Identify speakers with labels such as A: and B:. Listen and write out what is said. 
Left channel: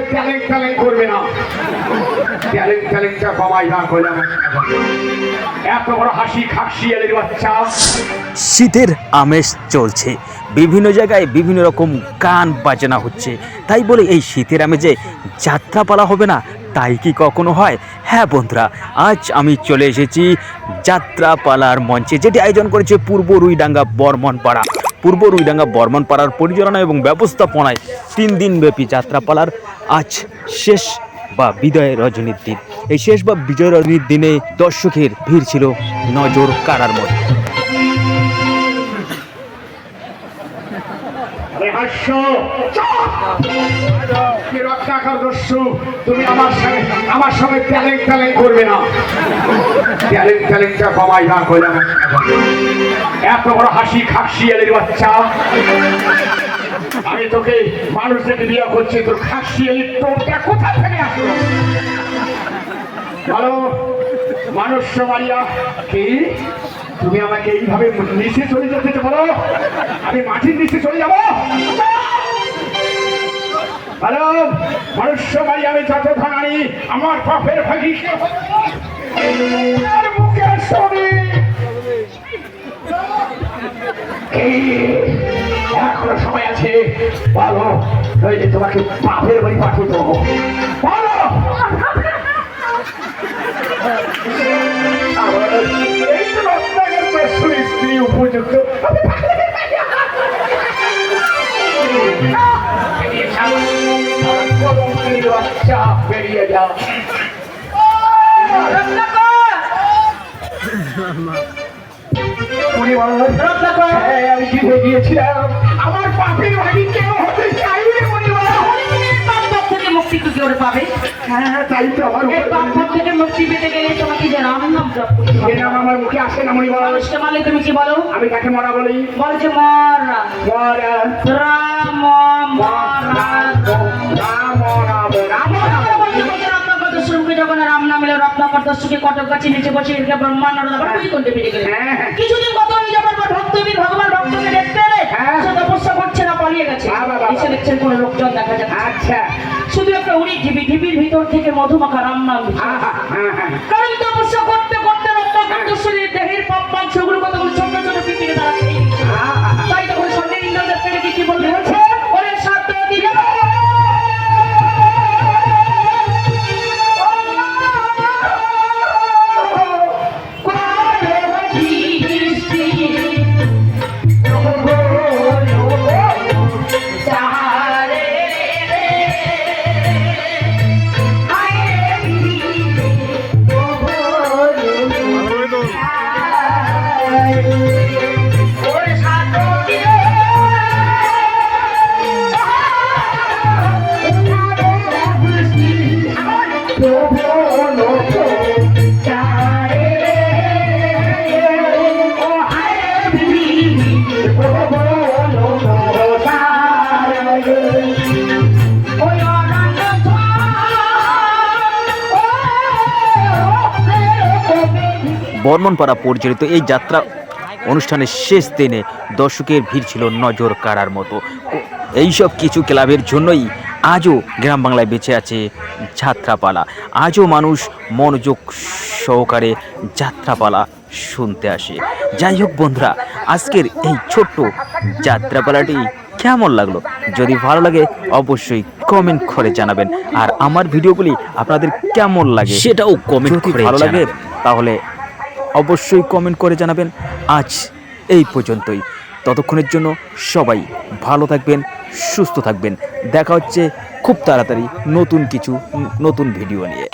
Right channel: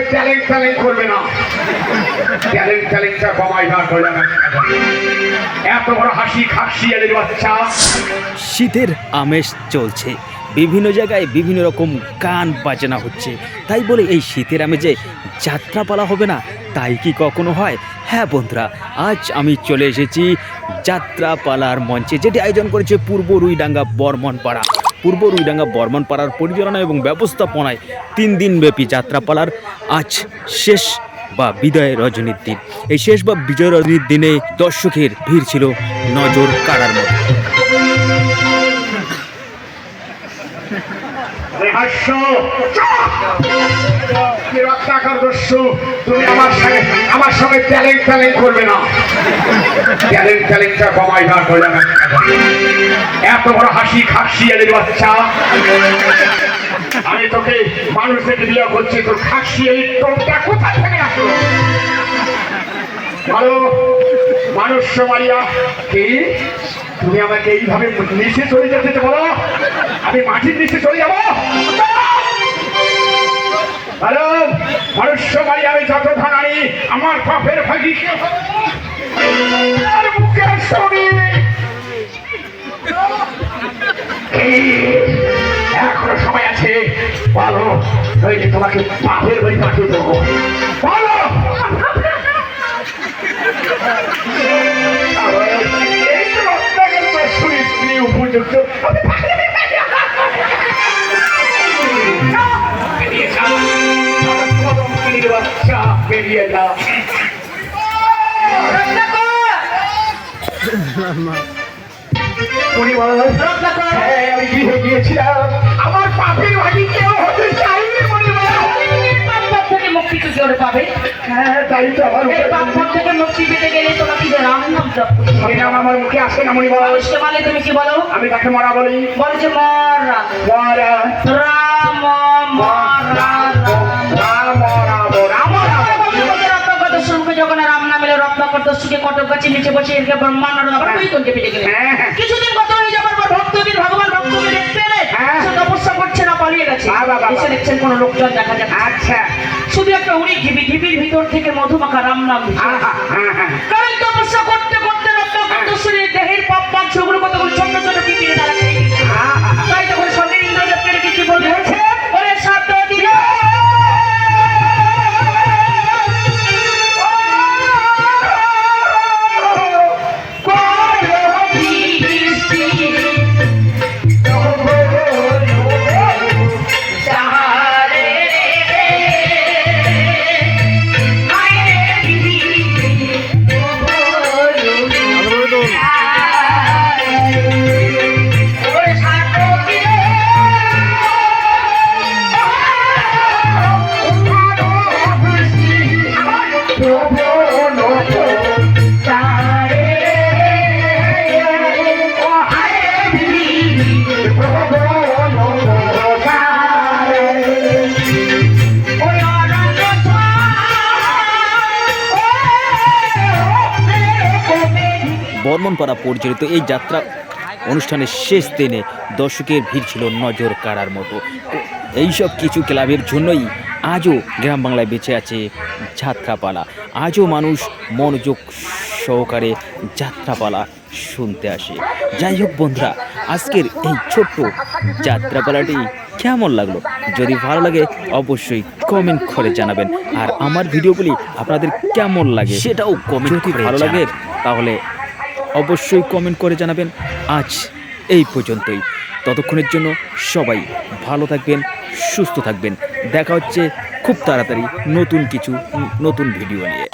A: সময় চ্যালেং চ্যালেং করবে না। চ্যালেং চ্যালেংটা কমাই করলে এত বড় হাসি, খাসি, এদের বাচ্চা।
B: শীতের আমেজ চলছে। বিভিন্ন জায়গায় বিভিন্ন রকম গান বাজনা হচ্ছে। তাই বলে এই শীতের আমেজে যাত্রাপালা হবে না, তাই কি কখনো হয়? হ্যাঁ বন্ধুরা, আজ আমি চলে এসেছি যাত্রাপালার মঞ্চে, যেটি আয়োজন করেছে পূর্ব রুইডাঙ্গা বর্মন পাড়া পূর্ব রুইডাঙ্গা বর্মন পাড়ার পরিচালনা এবং ব্যবস্থাপনায় তিন দিনব্যাপী যাত্রাপালার আজ শেষ বা বিদায় রজনীর দিন। এই শেষ বা বিজয় রজনীর দিনে দর্শকের ভিড় ছিল নজর কাড়ার মতো।
A: তুমি আমার সঙ্গে আমার সঙ্গে চ্যালেং চ্যালেং করবে না। চ্যালেং চ্যালেংটা কমাই বার করলে এত বড় হাসি খাসি এদের বাচ্চা। আমি তোকে মানুষ থেকে বিয়ে করছি, তোর খাসি এই টোপটা কোথায় থেকে আসলো? ভালো, মানুষ মারিয়া তুমি আমাকে এইভাবে নিচে চলে যেতে বলো? আমি মাটির নিচে চলে যাব। আমি আমার পাপের এখনও সময় আছে। তোমাকে বাপের বাড়ি পাঠিয়ে দেবো। উপযুক্ত বেরিয়ে যাও উনি বলেন, হ্যাঁ, আমি কি হয়ে গিয়েছিলাম। আমার পাপের ভাগি
C: মুক্তি পাবে।
A: হ্যাঁ তাই তো আমার
C: এই পাপ থেকে মুক্তি পেতে গেলে তোরা কি রাম নাম জপ করতে
A: নাম আমার মুখে আসে না মনি বল।
C: তুমি কি বলো?
A: আমি তাকে মরা বলি।
C: বলে যে মরা।
A: মরা।
C: রাম মরা। যখন রাম নামিলে রত্নাকর দস্যুকে কটক গাছে নিচে বসে এরকে ব্রহ্মাণ্ড আবার তুই কোন দেবী গেলে।
A: হ্যাঁ।
C: কিছুদিন কত হয়ে যাবার পর ভগবান ভক্তকে দেখতে এসে দেখছেন কোনো লোকজন দেখা যাচ্ছে।
A: আচ্ছা।
C: শুধু একটা উড়ি ঢিবি ঢিবির ভিতর থেকে মধুমাখা রাম নাম
A: হ্যাঁ, হ্যাঁ।
C: কারণ তপস্যা করতে
B: বর্মনপাড়া পরিচালিত এই যাত্রা অনুষ্ঠানের শেষ দিনে দর্শকের ভিড় ছিল নজর কাড়ার মতো এইসব কিছু ক্লাবের জন্যই আজও গ্রাম বাংলায় বেঁচে আছে যাত্রাপালা। আজও মানুষ মনোযোগ সহকারে যাত্রাপালা শুনতে আসে। যাই হোক বন্ধুরা আজকের এই ছোট্ট যাত্রাপালাটি কেমন লাগল? যদি ভালো লাগে অবশ্যই কমেন্ট করে জানাবেন। আর আমার ভিডিওগুলি আপনাদের কেমন লাগে? সেটাও কমেন্ট করে ভালো লাগে তাহলে অবশ্যই কমেন্ট করে জানাবেন। আজ এই পর্যন্তই। ততক্ষণের জন্য সবাই ভালো থাকবেন, সুস্থ থাকবেন দেখা হচ্ছে খুব তাড়াতাড়ি নতুন কিছু, নতুন ভিডিও নিয়ে.